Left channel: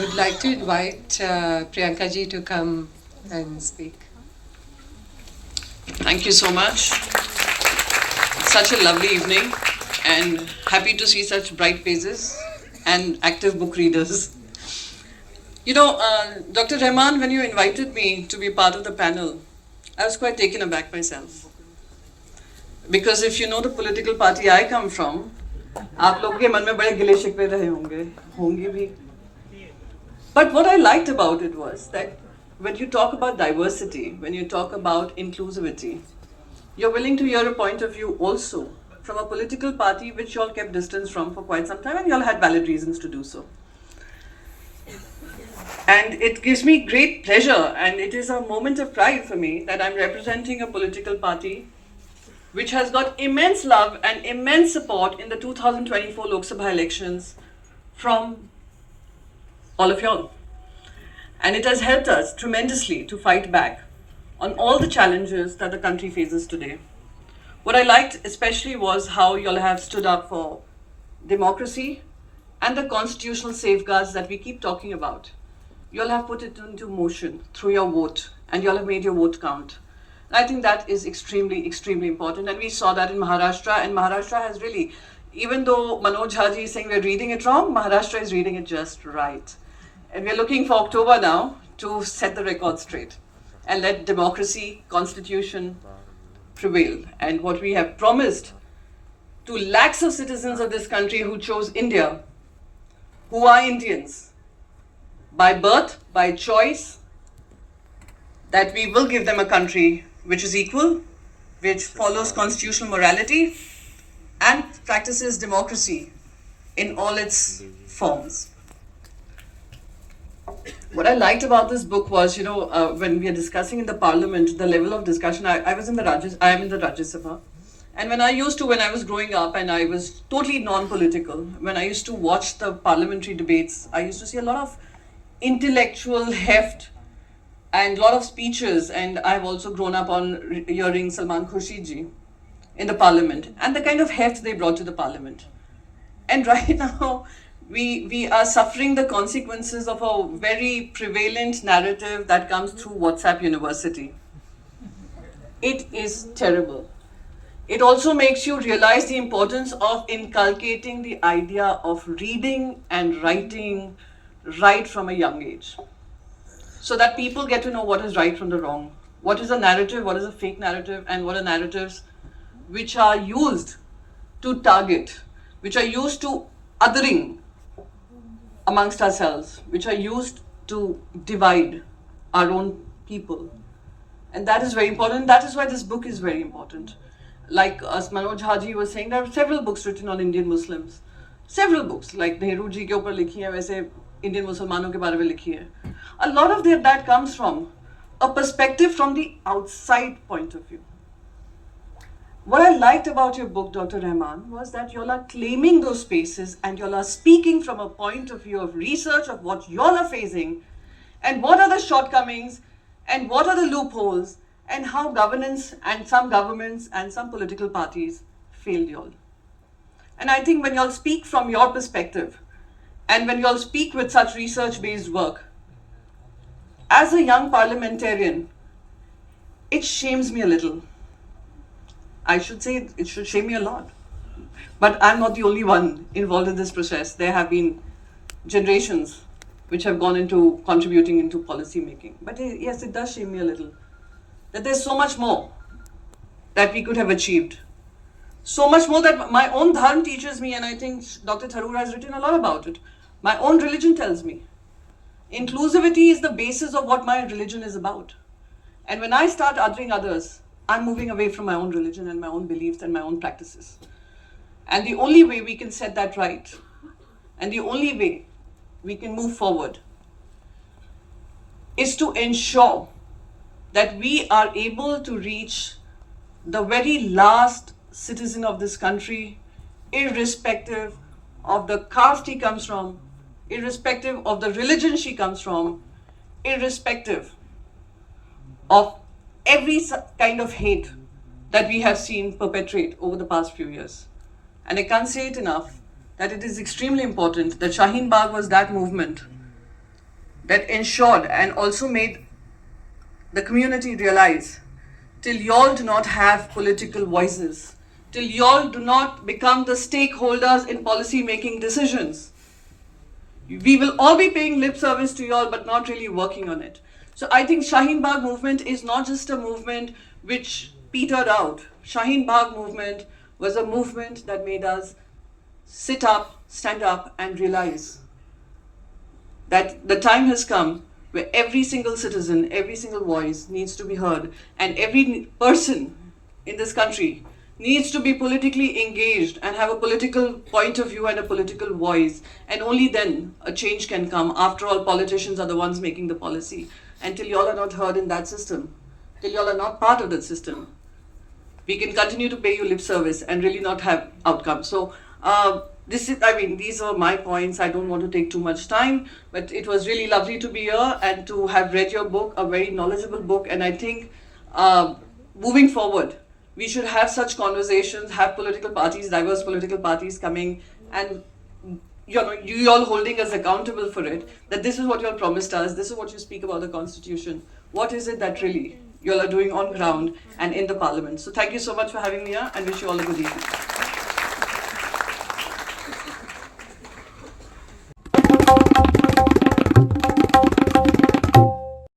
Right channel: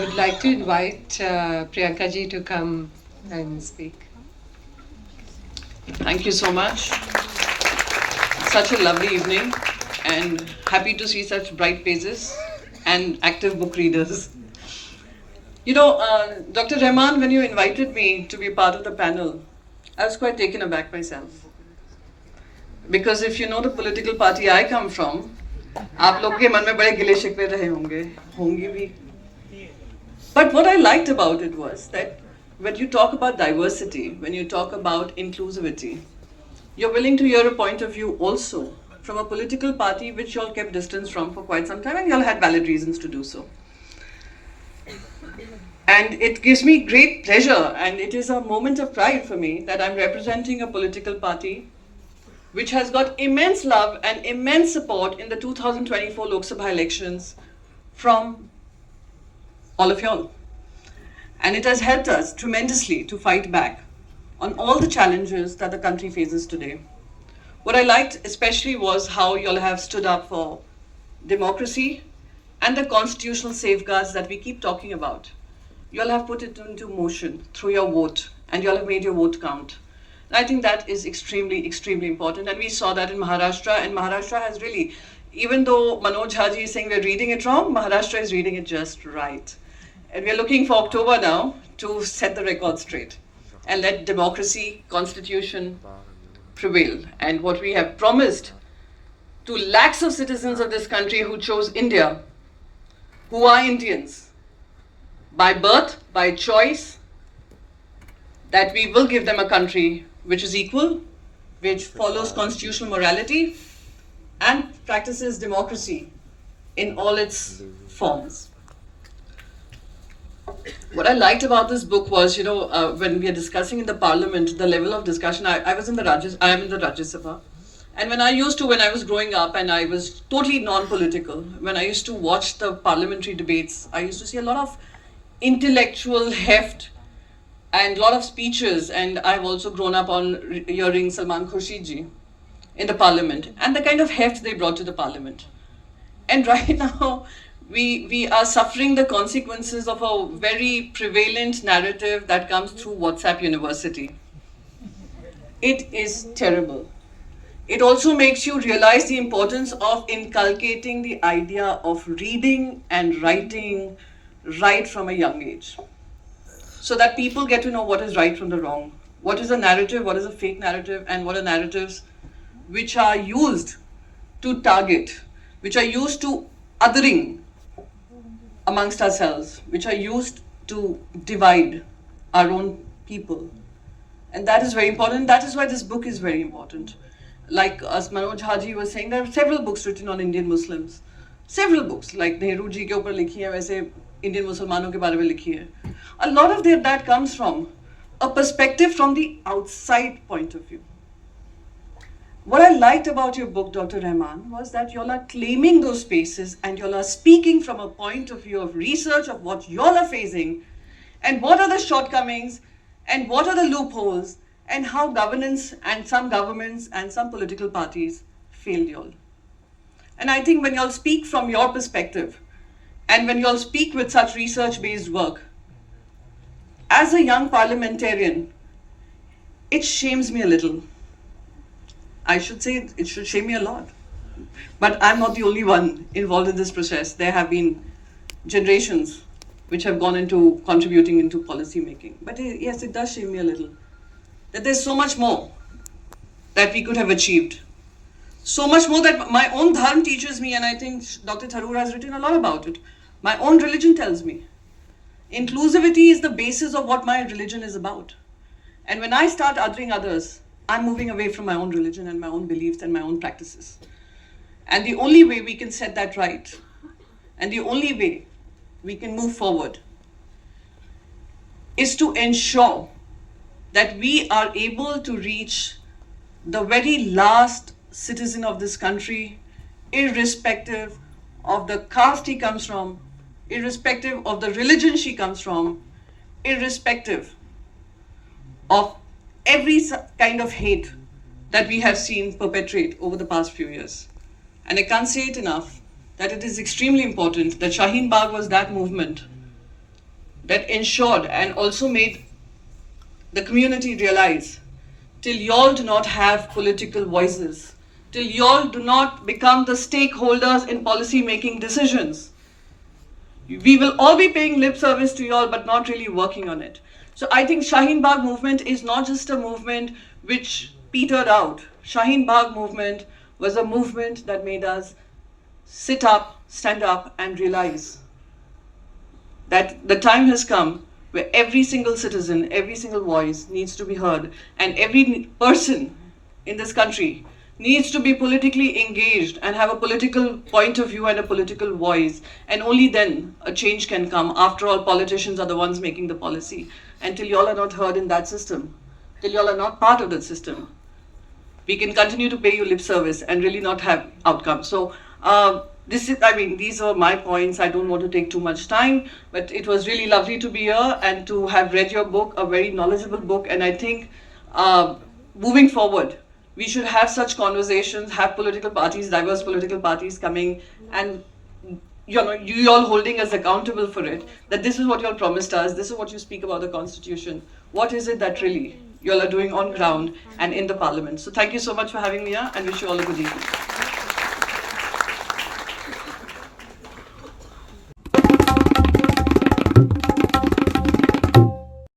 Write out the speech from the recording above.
would like to invite Priyanka ji to come and speak. Thank you so much. Such a lovely evening and happy to see such bright faces and active book readers. You know, Dr. Rahman, when you invited me to be part of the panel, I was quite taken aback myself. Because if you know the political party I come from, आप लोग के मन में बड़े गिले शिकवे रहे होंगे भी. But what I liked about it was that when you talk about diversity, when you talk about inclusivity, you're willing to hear a point of view also from a political party which you all kept distance from for quite some time, and you all had valid reasons to do so. And it gives me great pleasure, and it is a moment of pride for me that I'm representing a political party which has got immense love and immense support in the 2024 Lok Sabha elections from all of y'all. And it has helped us tremendously to fight back on all the challenges that the country faces today. What I liked especially was how y'all have stood up for democracy and the constitutional safeguards that we keep talking about. Y'all have put it into motion through your vote, and y'all have made your vote count. And I think that is extremely, extremely important. And we saw that in Maharashtra, and Maharashtra has really, even though Manoj Haji is saying we're reading it wrong, Maharashtra is reading it just right. And we're looking for October now to set the record straight and let democracy, constitution prevail. And what we have promised to lakhs of citizens of this country who chose India, who are Indians, by birth, by choice, that we will give them a country which is equal, which follows constitutional morality and practices democracy in all its forms. What I liked about this book was, when we are discussing in the parliament, the level of discussion, I am in the Rajya Sabha. And when I was growing up and I was totally non-political, when I used to watch the parliamentary debates, I used to see a lot of intellectual heft and a lot of speeches, and I've also grown up on hearing Salman Khurshid ji in the parliament and the kind of heft they brought to the parliament. And right now, we are suffering the consequences of a very prevalent narrative that comes through WhatsApp University. It is terrible. It also makes you realize the importance of inculcating the idea of reading and writing right from a young age, so that people get to know what is right from the wrong, what is a narrative, what is a fake narrative, and what are narratives which are used to target, which are used to othering amongst ourselves, which are used to divide our own people. And that is very important. That is why this book is very important. Like as Manoj Haji was saying, there are several books written on Indian Muslims. Several books, like Nehru ji ke upar likhi hai, वैसे Indian Muslimanon ke बारे में लिखी है. A lot of that comes from a perspective from the outside point of view. What I liked about your book, Dr. Rahman, was that y'all are claiming those spaces and y'all are speaking from a point of view of research of what y'all are facing and what are the shortcomings and what are the loopholes and how governance and some governments and some political parties failed y'all. And I think when y'all speak from your perspective and when y'all speak with such research-based work, as a young parliamentarian, it shames me a little. I should say it should shame me a lot. But I'm not the only one involved in this process. There have been generations which have gone into contributing into policy making. But yes, it does shame me a little. That there's so much more that we could have achieved. So much more that my own dharma teaches me, and I think Dr. Tharoor has written a lot about it. My own religion tells me. Inclusivity is the basis of what my religion is about. And when I start othering others, I'm moving away from my own religion and my own beliefs and my own practices. And the only way we can set that right, and the only way we can move forward, is to ensure that we are able to reach the very last citizen of this country, irrespective of the caste he comes from, irrespective of the religion she comes from, irrespective of every kind of hate that we have seen perpetrate over the past few years. And I can't say it enough that it is extremely important that Shaheen Bagh was that movement that ensured and also made the community realize, till y'all do not have political voices, till y'all do not become the stakeholders in policy making decisions, we will all be paying lip service to y'all but not really working on it. So I think Shaheen Bagh movement is not just a movement which petered out. Shaheen Bagh movement was a movement that made us sit up, stand up and realize that the time has come where every single citizen, every single voice needs to be heard, and every person in this country needs to be politically engaged and have a political point of view and a political voice, and only then a change can come. After all, politicians are the ones making the policy. And till y'all are not heard in that system, till y'all are not part of that system, we can continue to pay you lip service and really not have outcomes. So these are my points. I don't want to take too much time, but it was really lovely to be here and to have read your book, a very knowledgeable book. And I think moving forward, we should have such conversations, have political parties, diverse political parties coming, and you all holding us accountable for it, that this is what you all promised us, this is what you speak about the Constitution. What is it that really you all are doing on ground and in the Parliament? So thank you so much for having me here, and wish you all a good evening.